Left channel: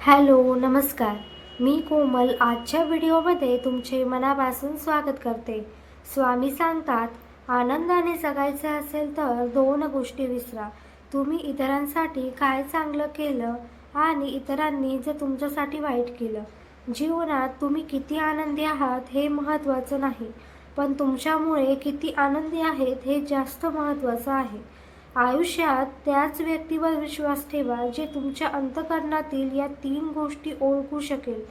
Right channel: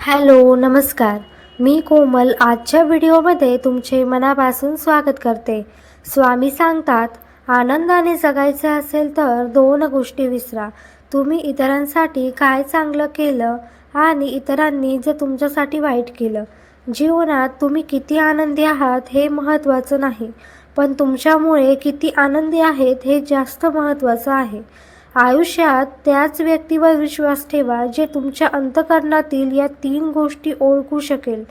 Hello नमस्कार. मी कोमल आजच्या व्हिडिओमध्ये तुमचे मनापासून स्वागत करते. स्वामी सांगतात आनंदाने जगायचे असेल तर दोन गोष्टी विसरा. तुम्ही इतरांसाठी काय चांगलं केलं आणि इतरांनी जे तुमच्यासाठी वाईट केलं. जीवनात तुम्ही किती आनंदी आहात हे महत्त्वाचं नाही पण तुमच्यामुळे किती आनंदी आहेत हे जास्त महत्त्वाचं आहे. आयुष्यात त्याच व्यक्तीवर विश्वास ठेवा जे तुमच्या अंतकरणातील या तीन गोष्टी ओळखू शकेल.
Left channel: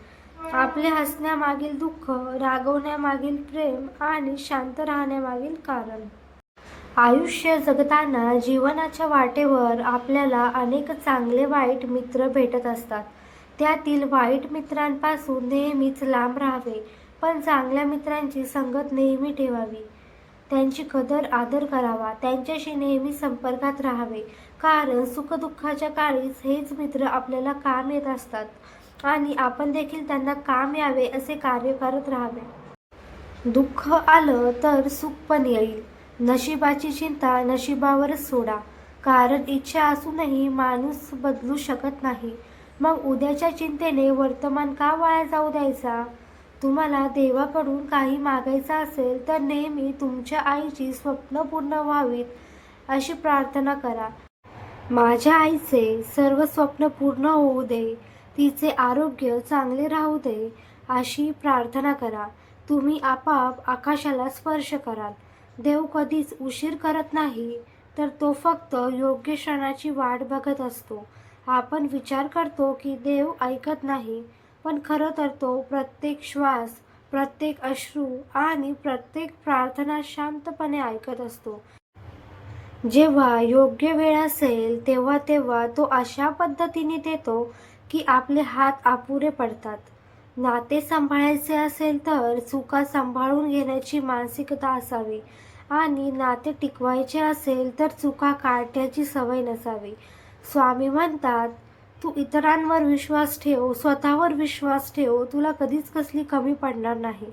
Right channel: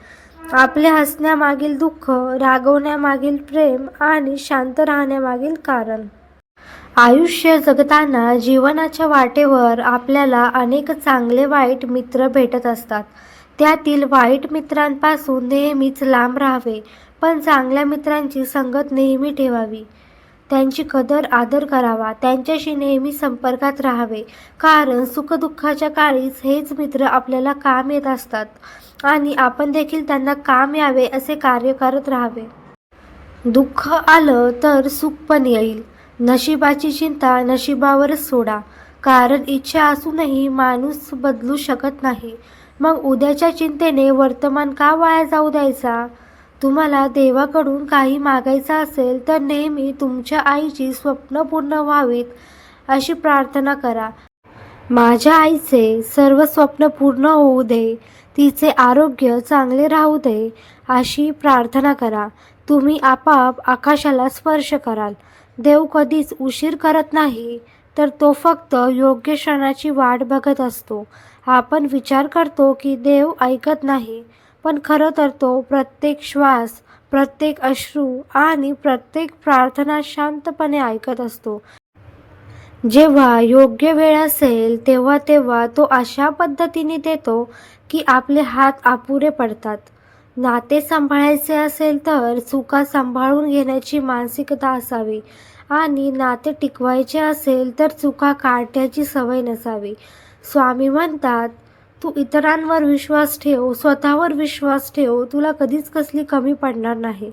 आपल्या हसण्यामागील दुःख रागवण्यामागील प्रेम आणि शांत राहण्यामागील कारण. आयुष्य जगताना जीवनाच्या वाटेवर आपल्याला अनेक चांगले वाईट मित्र भेटत असतात. त्यातील वाईट मित्रांपासून नेहमीच लांब राहावे पण चांगल्या मित्रांची संगत नेहमी ठेवावी. त्यांची कदर आदर करावा. त्यांच्याशी नेहमी संपर्कात राहावे. कारण सुखदुःखाच्या काळीच हेच मित्र आपल्याला काम येत असतात आणि आपण देखील त्यांना काम यावे असे कार्य करत राहावे. दुःख आलं तर सुख पण येईल. नशिबाची चिंता नशिबावरच सोडा. कारण इच्छा असूनही माणूस बदलू शकत नाही. मग उद्याच्या चिंतेने वर्तमान का वाया जाऊ द्यायचा? तुम्हाला देवाकडून काही मागायचं असेल तर नेहमी तुमच्या आईची स्वप्न पूर्ण व्हावीत अशी प्रार्थना करा. माझ्या आईचे सर्व स्वप्न पूर्ण होऊ दे तिचे आरोग्य चांगले राहू दे अशी प्रार्थना करा. तुम्ही आपाप आकाशाला स्पर्श कराल. देव कधीच उशीर करत नाही तर तो फक्त योग्य क्षणाची वाट बघत असतो. आपण विचार करतो की देव ऐकत नाही. पण खरं तर तो प्रत्येक श्वास प्रत्येक अश्रू आणि प्रत्येक प्रार्थना शांतपणे ऐकत असतो. जेव्हा योग्य वेळ असेल तेव्हा तेव्हा तो अशा पद्धतीने देतो की आपले हात अपुरे पडतात. नाते सांभाळायचे असेल तर चुका सांभाळून घेण्याची मानसिकता असावी आणि नाते टिकवायचे असेल तर चुका काढण्याची सवय नसावी. स्वामी म्हणतात तू इतरांवर विश्वास ठेव स्वतःवर विश्वास ठेव तुला कधीच कसली कमी पडणार नाही.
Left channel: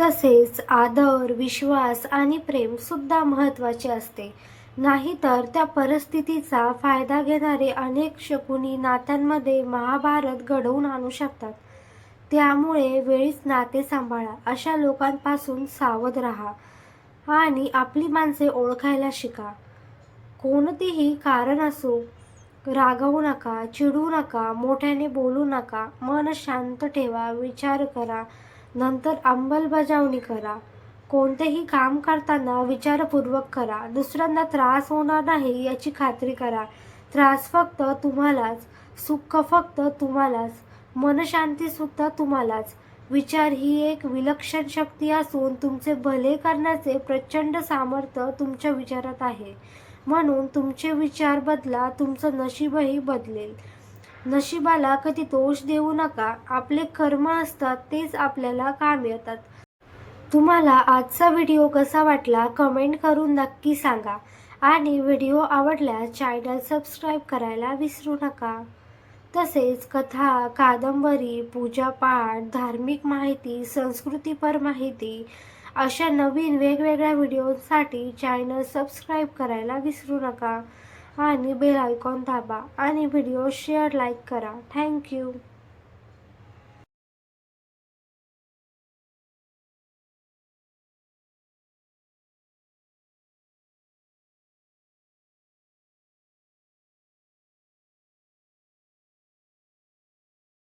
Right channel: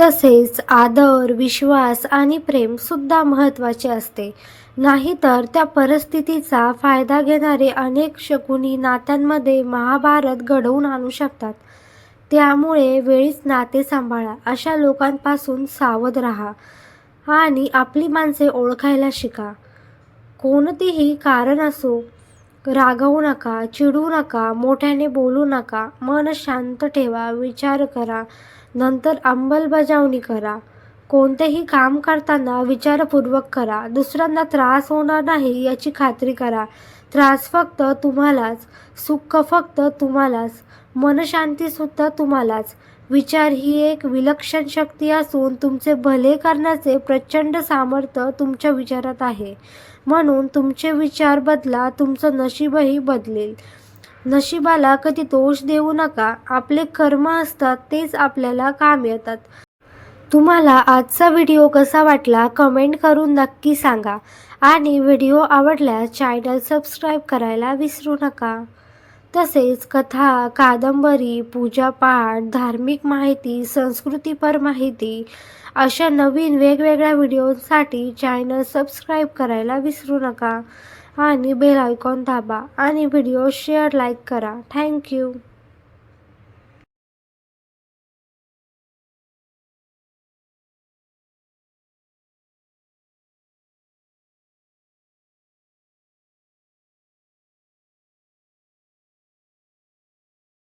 तसेच आदर विश्वास आणि प्रेम सुद्धा महत्त्वाचे असते. नाहीतर त्या परिस्थितीचा फायदा घेणारे अनेक शकुनी नात्यांमध्ये महाभारत घडवून आणू शकतात. त्यामुळे वेळीच नाते सांभाळा अशा लोकांपासून सावध राहा आणि आपली माणसे ओळखायला शिका. कोणतीही कारण असो रागवू नका चिडू नका मोठ्याने बोलू नका. मन शांत ठेवा विचार करा. नंतर अंमलबजावणी करा. कोणतेही काम करताना विचारपूर्वक करा. दुसऱ्यांना त्रास होणार नाही याची खात्री करा. त्रास फक्त तुम्हालाच सुख फक्त तुम्हालाच मनशांतीसुद्धा तुम्हालाच. विचार ही एक विलक्षण शक्ती असून तुमचे भले करण्याचे प्रचंड सामर्थ्य तुमच्या विचारात आहे. म्हणून तुमचे विचार बदला तुमचं नशीबही बदलेल. नशिबाला कधी दोष देऊ नका. आपले कर्म असतात तेच आपल्याला काम येतात. तुम्हाला आजचा व्हिडिओ कसा वाटला कमेंट करून नक्की सांगा. आणि व्हिडिओ आवडल्यास चॅनल सबस्क्राईब करायला विसरू नका. तसेच कथा कादंबरी पूजापाठ धार्मिक माहिती संस्कृतीपर माहिती अशा नवीन वेगवेगळ्या व्हिडिओसाठी चॅनल सबस्क्राईब करायला विसरू नका. आणि बेल आयकॉन दाबा आणि व्हिडिओ शेअर लाईक करा. Thank you.